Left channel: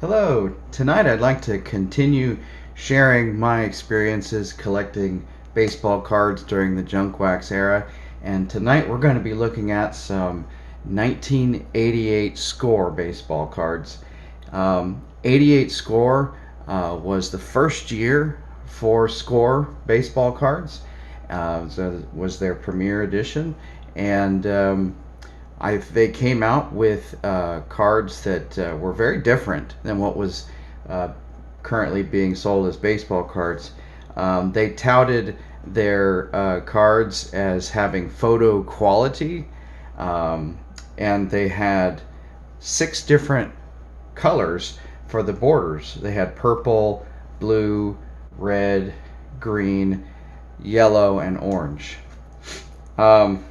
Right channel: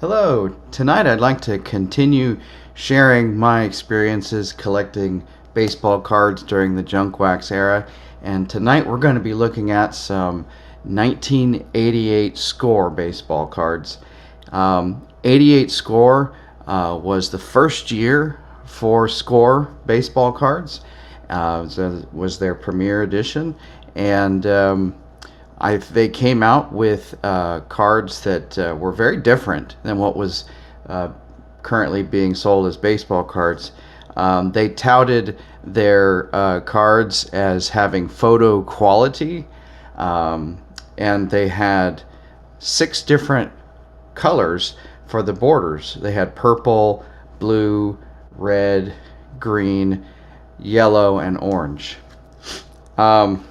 Hello, tonight I'd like to continue sharing my experiences collecting baseball cards during the junk wax era. And tonight we're going to be looking at some 1988 score baseball cards. 88 score was the first year for score baseball cards. So it was their premiere edition. And they came out with cards that were very different than what was uh, currently being sold as baseball cards. They touted their cards as having photo quality, and they had 6 different colors for the borders. They had purple, blue, red, green, yellow, and orange. Um,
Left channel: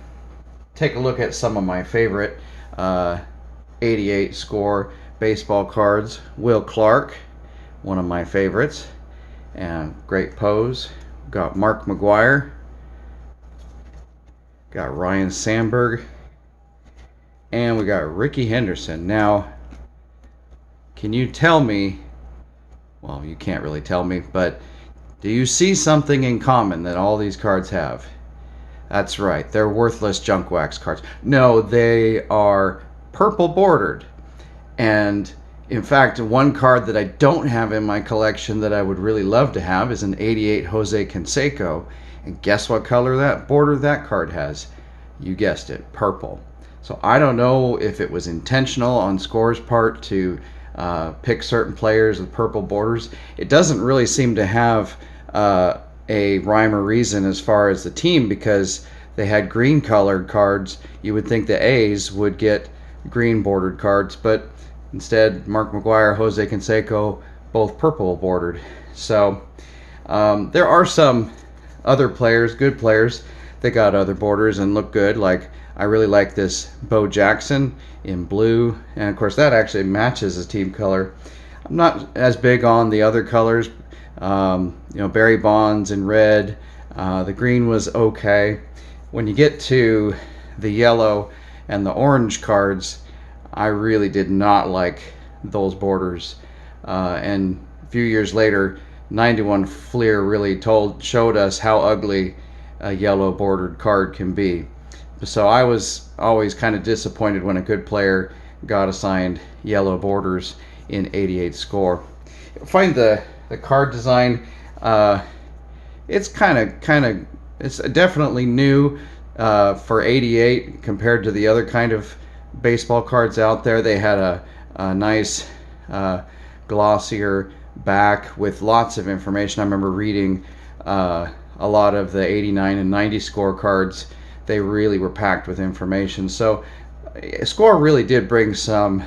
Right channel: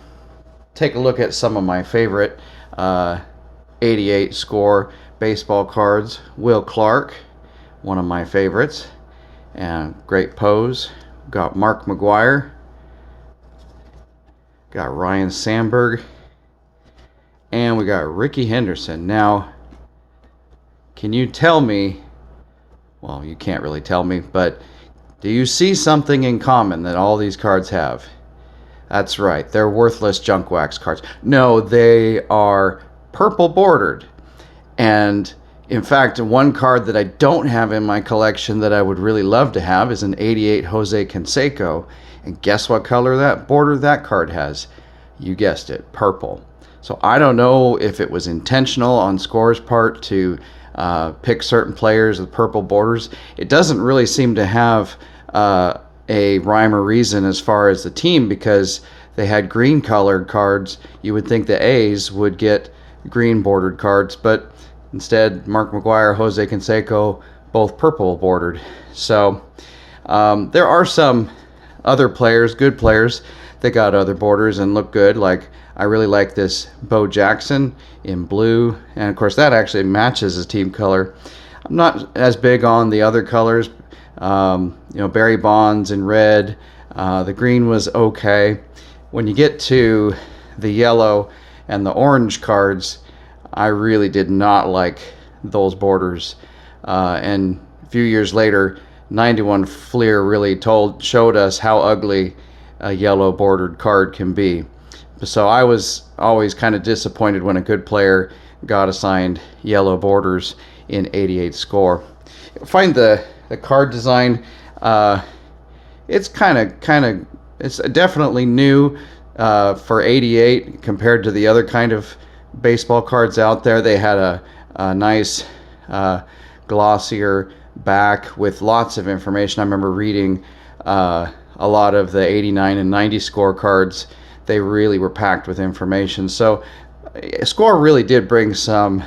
Take a look at some of my favorite 88 score baseball cards. Will Clark, one of my favorites, and great pose. Got Mark McGwire, got Ryan Sandberg, and we got Ricky Henderson. Now, can you tell me, well, you can't really tell me, but do you see something in common that all these cards have? That's right, they're worthless junk wax cards. No, they are purple bordered. And in fact, one card that I don't have in my collection that I would really love to have is an 88 Jose Canseco. And guess what color that border that card has? You guessed it, purple. So I don't know if it was intentional on Score's part to pick certain players with purple borders. It doesn't really seem to have a rhyme or reason as far as the team, because they had green colored cards. You would think the A's would get green bordered cards, but instead Mark McGwire, Jose Canseco, both purple bordered. So there are some other players, good players, that got other borders and look good. Like, I really like this Bo Jackson in blue, and of course that actually matches his team color. I'm not as big on the other colors. Barry Bonds in red. The green was okay. When you get to the yellow and the orange cards, I really did not like those borders. And a few years later, 91 Fleer really showed us how ugly a yellow bordered card can be. So I was always kind of disappointed when a good player got assigned yellow borders in 88 score. Find the card design. It's it's definitely new for 88 compared to the other kind of baseball cards out there. They had a nice glossier back with lots of information. I remember reading a lot of the 89 and 90 score cards. They really were packed with information. So Score really did bring some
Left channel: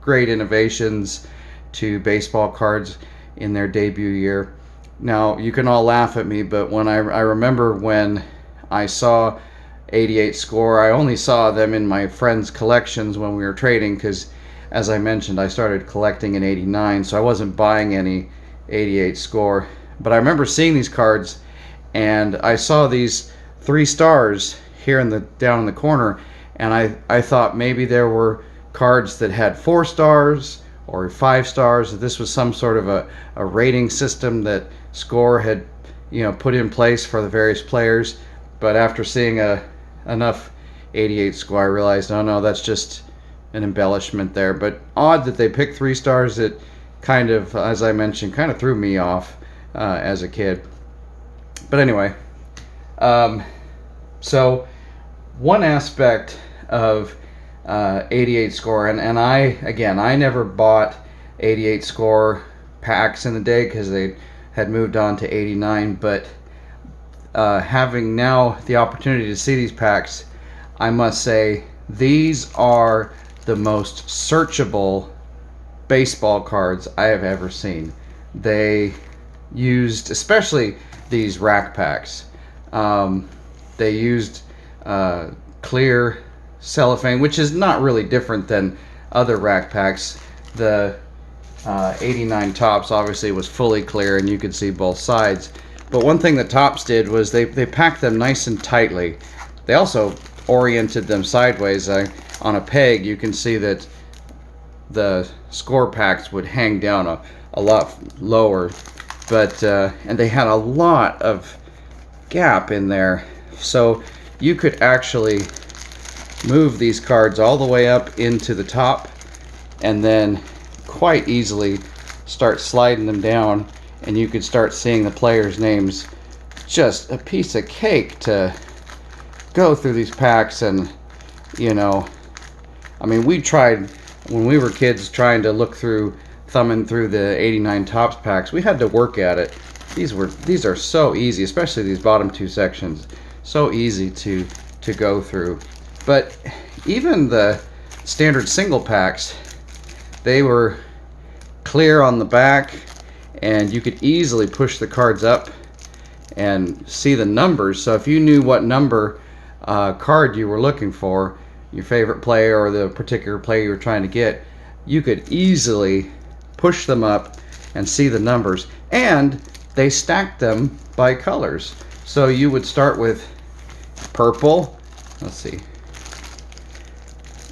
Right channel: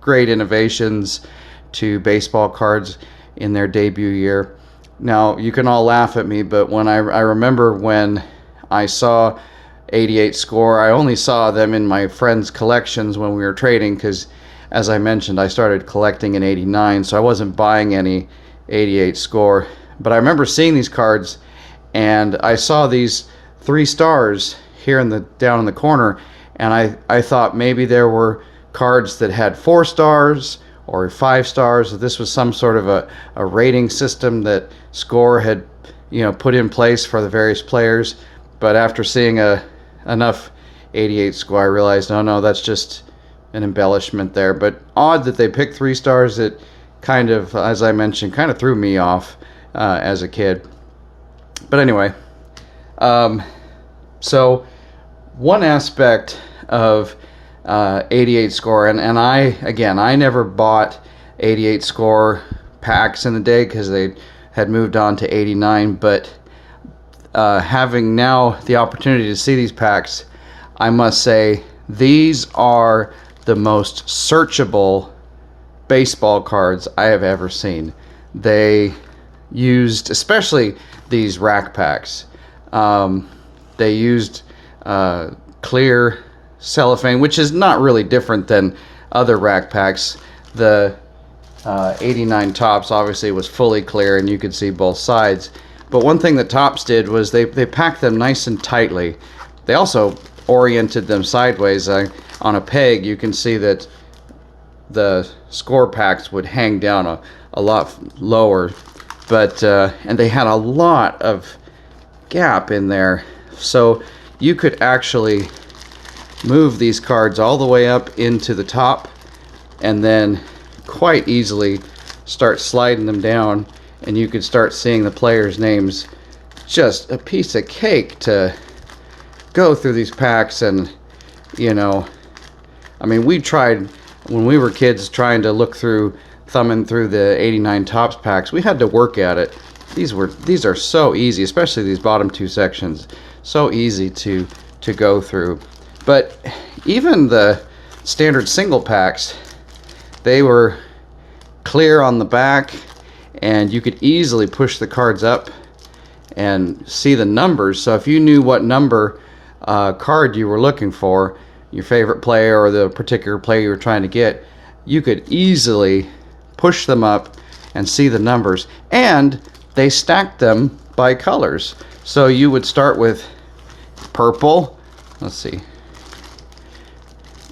great innovations to baseball cards in their debut year. Now, you can all laugh at me, but when I remember when I saw 88 score, I only saw them in my friends' collections when we were trading, because, as I mentioned, I started collecting in 89, so I wasn't buying any 88 score. But I remember seeing these cards, and I saw these 3 stars here down in the corner, and I thought maybe there were cards that had 4 stars or 5 stars. This was some sort of a rating system that Score had put in place for the various players. But after seeing enough 88 score, I realized, oh no, that's just an embellishment there. But odd that they picked 3 stars. It kind of, as I mentioned, kind of threw me off as a kid. But anyway, so one aspect of 88 score, and I never bought 88 score packs in the day because they had moved on to 89, but having now the opportunity to see these packs, I must say these are the most searchable baseball cards I have ever seen. They used, especially these rack packs, they used clear cellophane, which is not really different than other rack packs. The 89 Tops obviously was fully clear and you could see both sides. But one thing that Tops did was they packed them nice and tightly. They also oriented them sideways on a peg. You can see that the score packs would hang down a lot lower, but and they had a lot of gap in there, so you could actually move these cards all the way up into the top and then quite easily start sliding them down, and you could start seeing the players' names. Just a piece of cake to go through these packs. And you know, I mean, we tried when we were kids trying to look through, thumbing through the 89 Topps packs. We had to work at it. These are so easy, especially these bottom two sections, so easy to go through. But even the standard single packs, they were clear on the back, and you could easily push the cards up and see the numbers. So if you knew what number card you were looking for, your favorite player or the particular player you were trying to get, you could easily push them up and see the numbers. And they stacked them by colors. So you would start with purple. Let's see.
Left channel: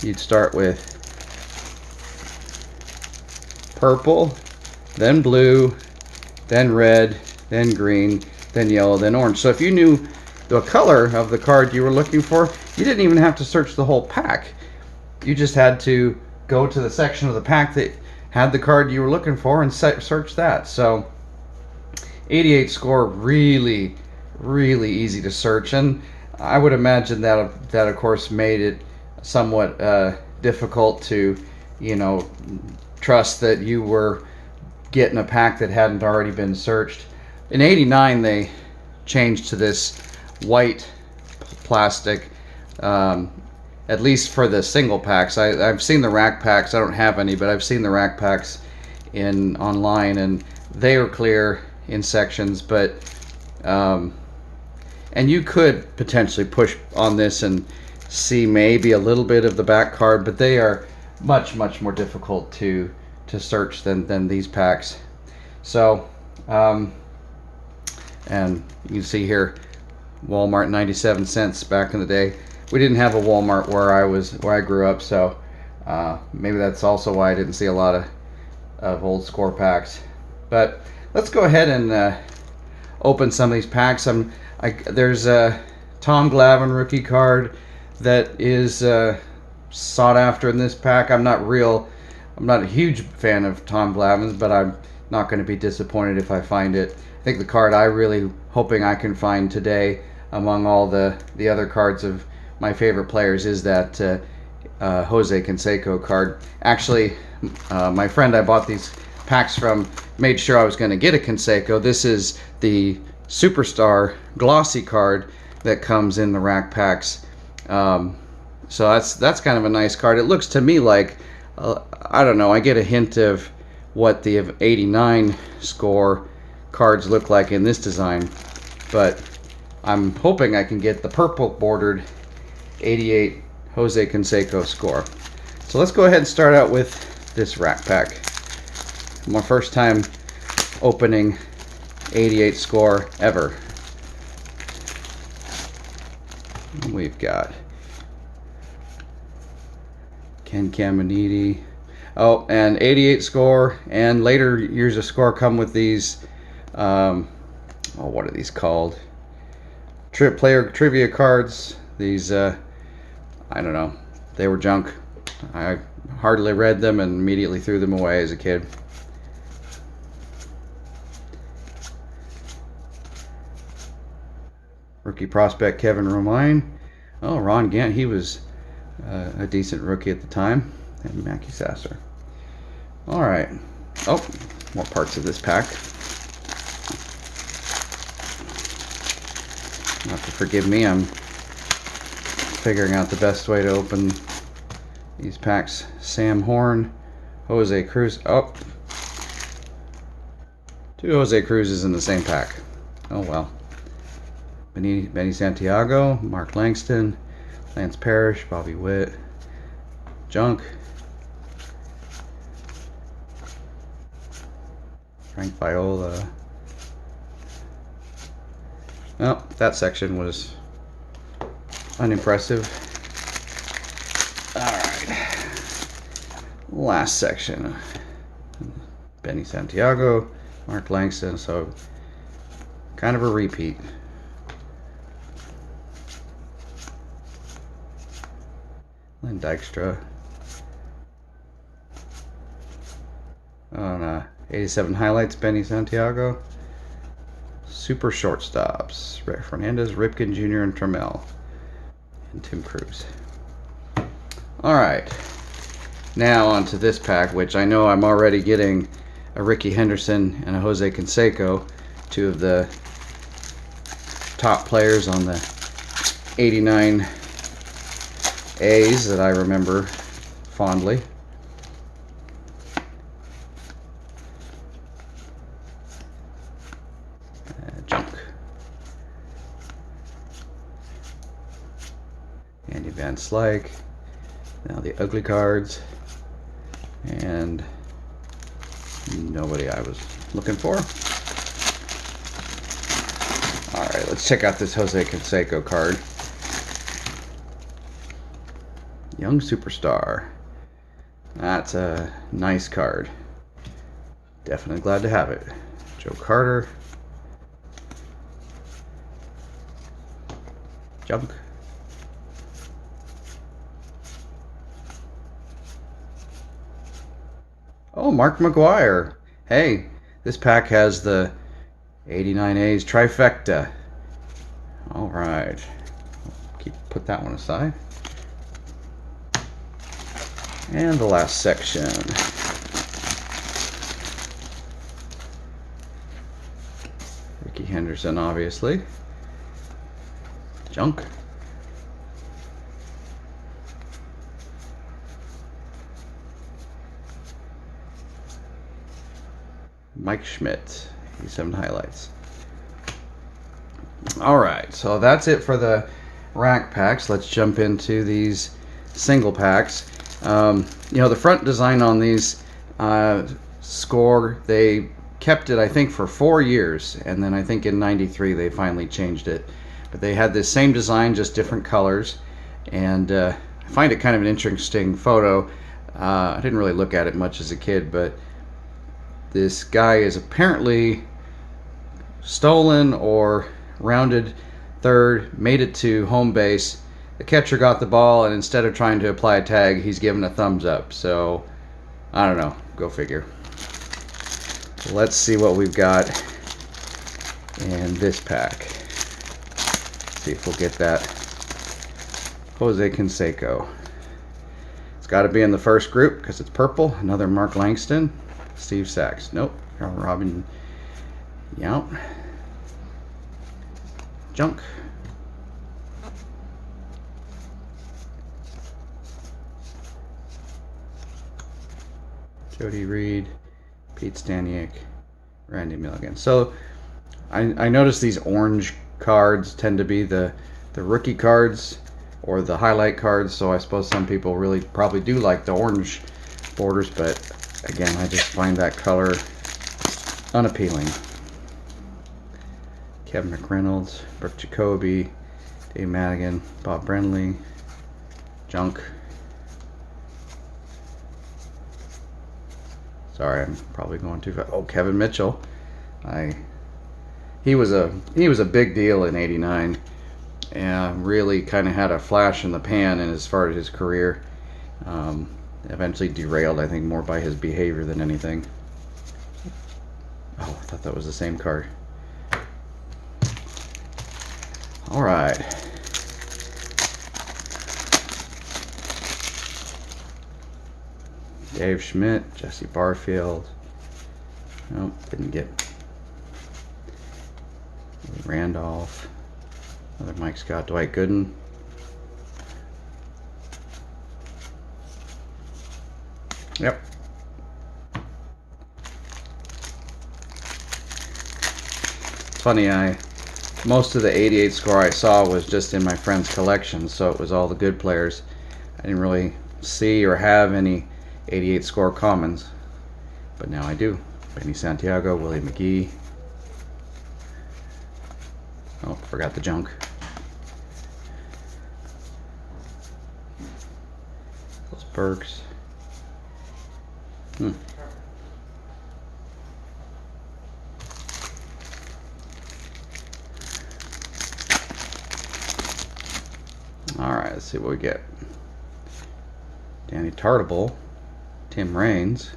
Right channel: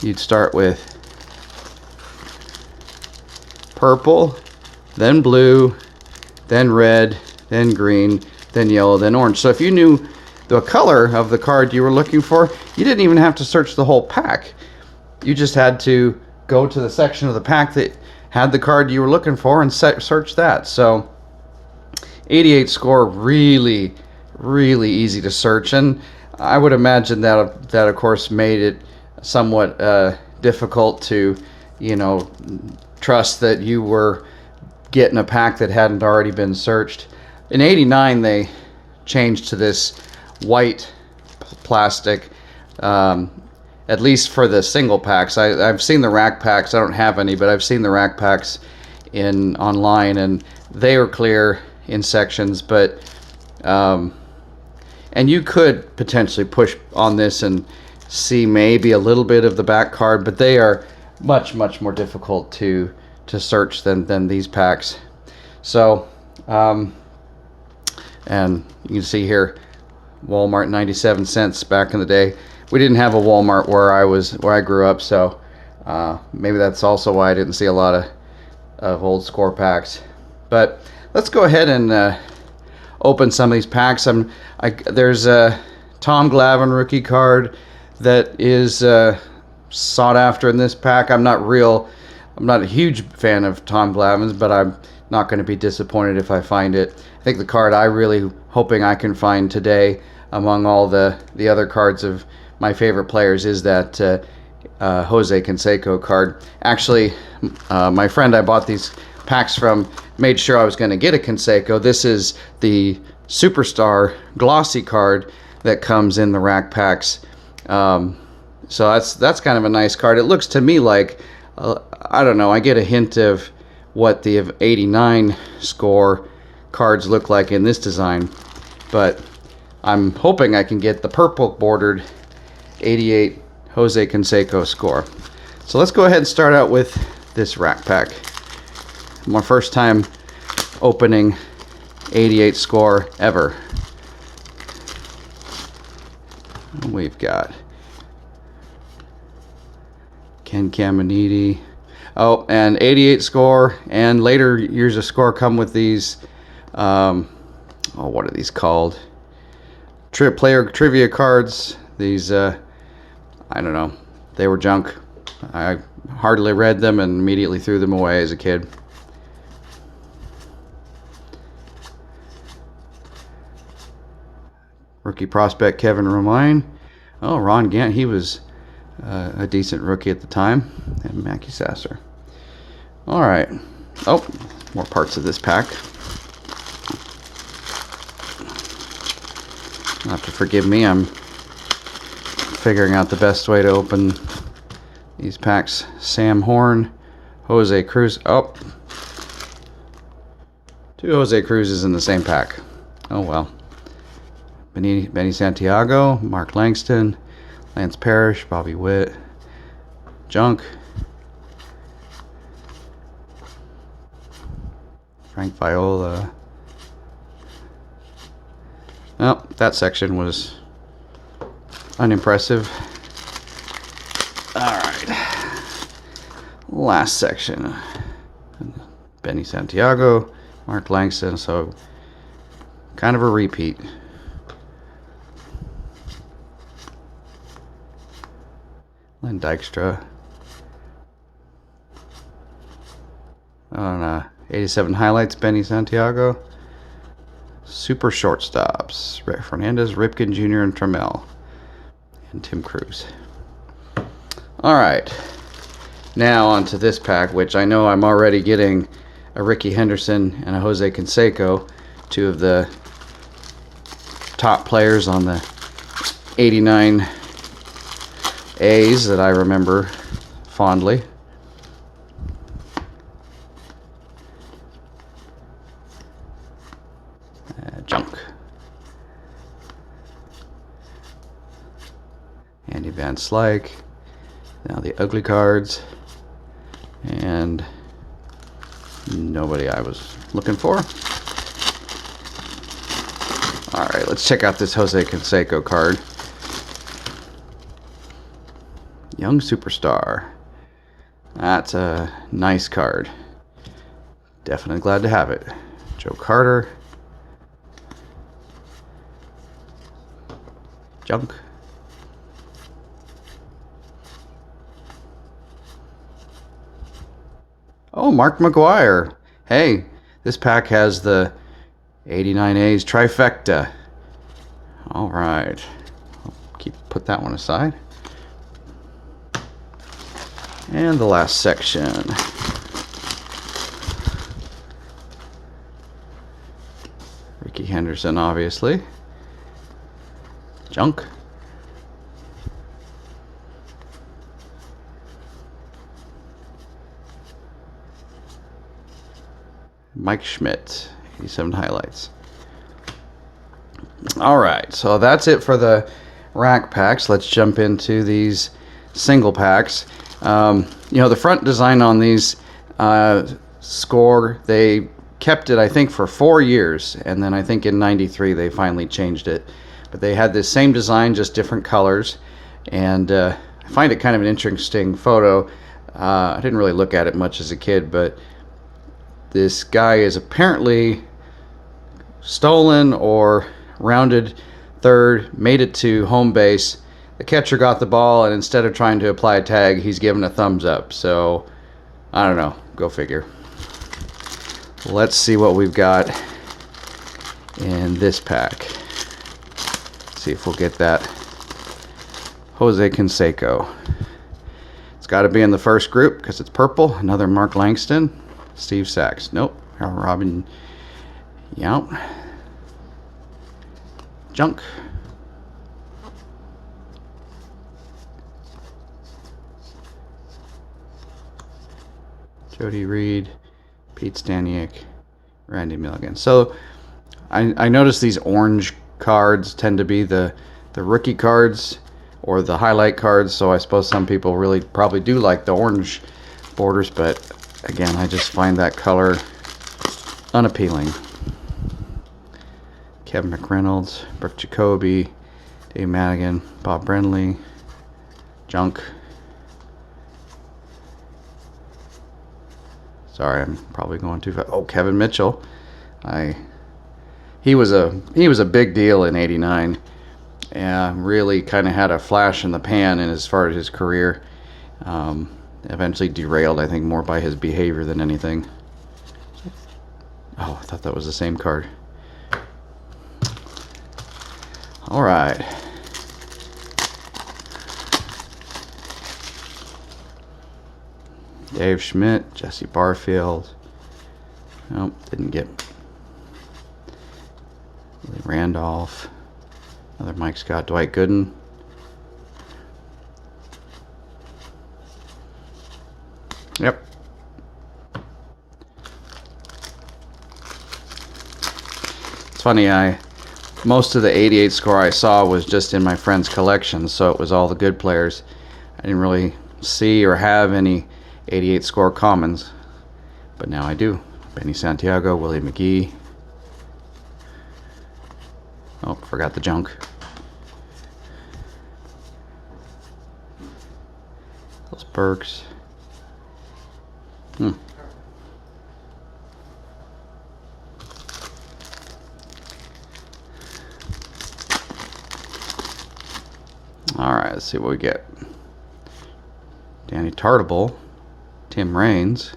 You'd start with purple, then blue, then red, then green, then yellow, then orange. So if you knew the color of the card you were looking for, you didn't even have to search the whole pack. You just had to go to the section of the pack that had the card you were looking for and search that. So 88 score, really, really easy to search. And I would imagine that of course made it somewhat difficult to, you know, trust that you were getting a pack that hadn't already been searched. In 89 they changed to this white plastic, at least for the single packs. I've seen the rack packs. I don't have any, but I've seen the rack packs online, and they were clear in sections. But and you could potentially push on this and see maybe a little bit of the back card, but they are much more difficult to search than these packs. So and you can see here, Walmart 97 cents back in the day. We didn't have a Walmart where I grew up, so maybe that's also why I didn't see a lot of old score packs. But let's go ahead and open some of these packs. There's a Tom Glavine rookie card that is sought after in this pack. I'm not a huge fan of Tom Glavine's, but I'm not going to be disappointed if I find it. I think the card I really hoping I can find today among all the other cards of my favorite players is that Jose Canseco card. Actually, my friend I bought these packs from made sure I was going to get a Canseco. This is the Superstar glossy card that comes in the rack packs. So that's kind of a nice card. It looks to me like, I don't know, I get a hint of what the 89 score cards look like in this design, but I'm hoping I can get the purple bordered 88 Jose Canseco score. So let's go ahead and start out with this rack pack. My first time opening 88 score ever. We've got Ken Caminiti. Oh, and 88 score and later years of score come with these, what are these called? Player trivia cards. These, I don't know, they were junk. I hardly read them and immediately threw them away as a kid. Rookie prospect Kevin Romine. Oh, Ron Gant, he was a decent rookie at the time. And Mackie Sasser. All right. Oh, more parts of this pack. You'll have to forgive me. I'm figuring out the best way to open these packs. Sam Horn, Jose Cruz. Oh, two Jose Cruzes in the same pack. Oh well. Benny Santiago, Mark Langston, Lance Parrish, Bobby Witt, junk. Frank Viola. Well, that section was unimpressive. Alright. last section. Benny Santiago, Mark Langston, so kind of a repeat. Lynn Dykstra. On 87 highlights, Benny Santiago. Super shortstops, Fernandez, Ripken Jr., and Trammell. And Tim Cruz. Alright. Now onto this pack, which I know I'm already getting a Ricky Henderson and a Jose Canseco, two of the top players on the 89 A's that I remember fondly. Junk. Andy Van Slyke. Now the ugly cards. And nobody I was looking for. Alright, let's check out this Jose Canseco card. Young Superstar. That's a nice card. Definitely glad to have it. Joe Carter. Junk. Oh, Mark McGwire. Hey, this pack has the 89 A's trifecta. All right. Put that one aside. And the last section. Ricky Henderson, obviously. Junk. Mike Schmidt, 87 highlights. All right, so that's it for the rack packs. Let's jump into these single packs. You know, the front design on these score, they kept it, I think, for 4 years, and then I think in '93 they finally changed it. But they had this same design, just different colors, and I find it kind of an interesting photo. I didn't really look at it much as a kid, but this guy is apparently stolen or rounded third, made it to home base. The catcher got the ball, and instead of trying to apply a tag, he's given a thumbs up. So, I don't know. Go figure. Let's see what we've got in this pack. See if we'll get that Jose Canseco. It's got to be in the first group because it's purple. Another Mark Langston. Steve Sachs. Nope. Robin Yount. Junk. Jody Reed, Pete Staniak, Randy Milligan. So I noticed these orange cards tend to be the rookie cards or the highlight cards, so I suppose some people really probably do like the orange borders, but again, I just find that color unappealing. Kevin McReynolds, Brooke Jacoby, Dave Madigan, Bob Brenly, Junk. Sorry, I'm probably going too fast. Oh, Kevin Mitchell. He was a big deal in '89. Really kind of had a flash in the pan in as far as his career. Eventually derailed, I think, more by his behavior than anything. Oh, I thought that was the same card. All right. Dave Schmidt, Jesse Barfield. Nope, didn't get Randolph. Another Mike Scott, Dwight Gooden. Yep. It's funny, most of the 88 score I saw was just in my friend's collection, so it was all the good players. I didn't really see or have any 88 score commons, but now I do. Benny Santiago, Willie McGee. Oh, forgot the junk. Those Burks. Hmm. Alright, let's see what we get. Danny Tartable, Tim Raines.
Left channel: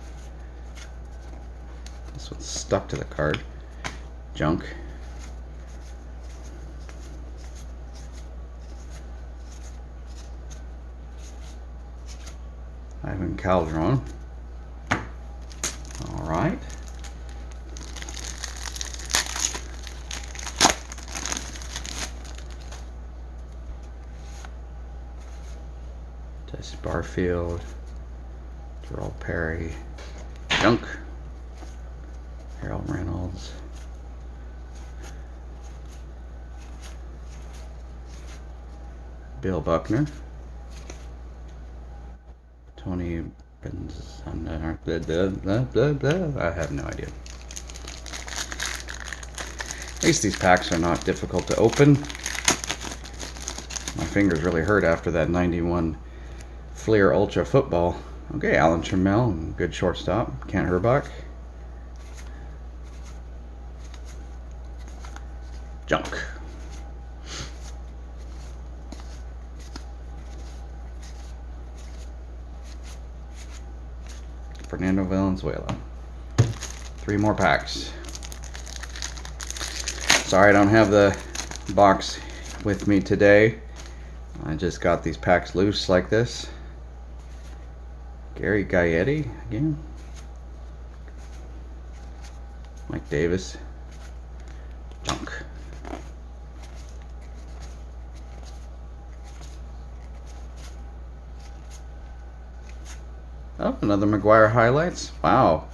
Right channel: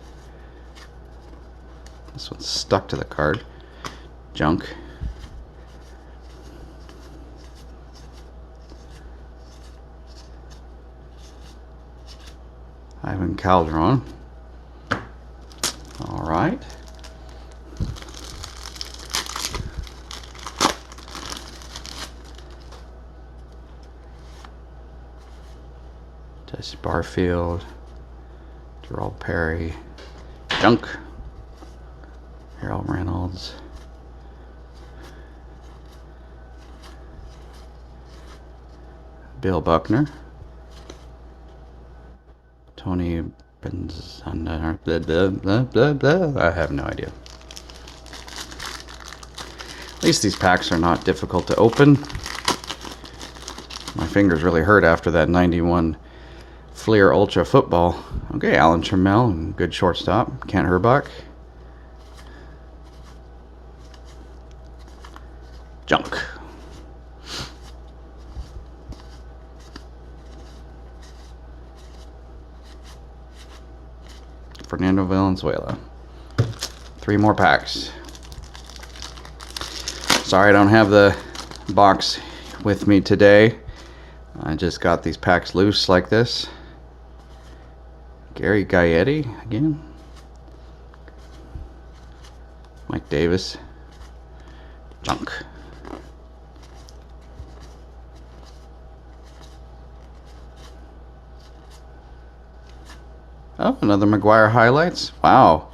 This one's stuck to the card. Junk. Ivan Calderon. Alright. Jesse Barfield. Terrell Perry. Junk. Harold Reynolds. Bill Buckner. Tony Benzana. I have no idea. At least these packs are not difficult to open. My fingers really hurt after that 91 Fleer Ultra football. Okay, Alan Trammell, good shortstop. Kent Herbach. Junk. Fernando Valenzuela. 3 more packs. Sorry I don't have the box with me today. I just got these packs loose like this. Gary Gaetti again. Mike Davis. Junk. Oh, another McGuire highlights. Wow.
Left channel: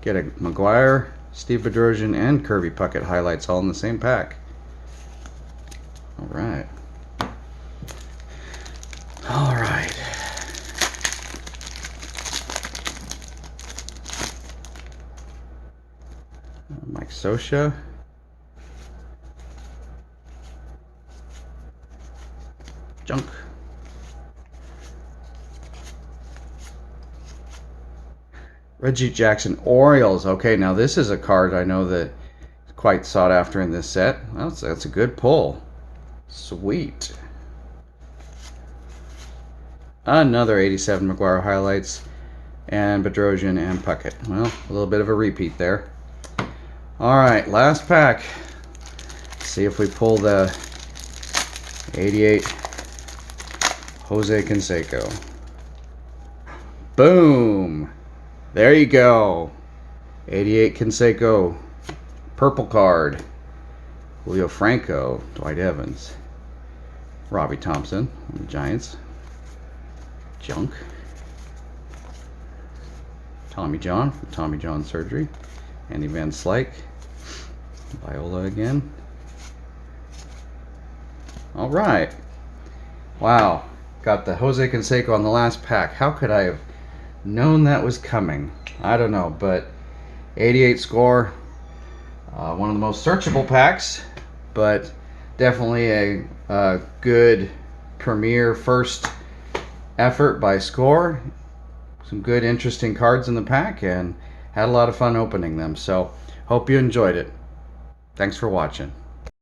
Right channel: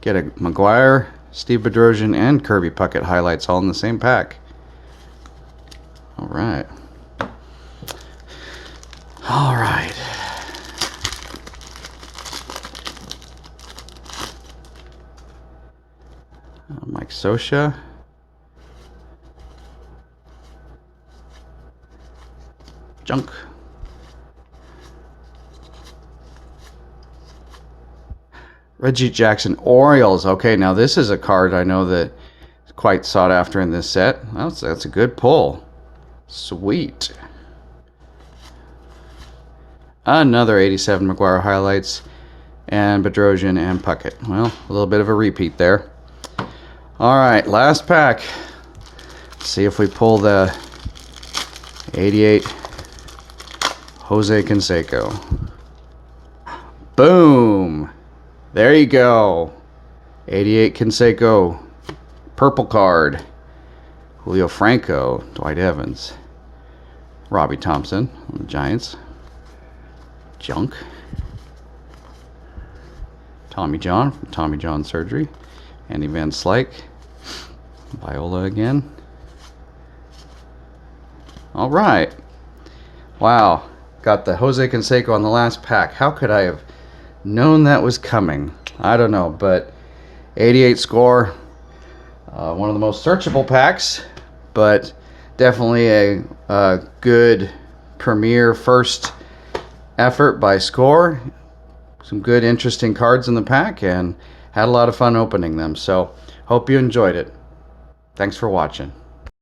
Get a McGuire, Steve Bedrosian, and Kirby Puckett highlights all in the same pack. All right. All right. Mike Sosha. Junk. Reggie Jackson, Orioles. Okay, now this is a card I know that is quite sought after in this set. That's a good pull. Sweet. Another 87 McGuire highlights, and Bedrosian and Puckett. Well, a little bit of a repeat there. All right, last pack. Let's see if we pull the 88 Jose Canseco. Boom. There you go. 88 Canseco. Purple card. Julio Franco. Dwight Evans. Robbie Thompson. Giants. Junk. Tommy John from Tommy John Surgery. Andy Van Slyke. Viola again. All right. Wow. Got the Jose Canseco on the last pack. How could I have known that was coming? I don't know, but 88 score. One of the most searchable packs, but definitely a good premier first effort by Score. Some good, interesting cards in the pack, and had a lot of fun opening them. So, hope you enjoyed it. Thanks for watching.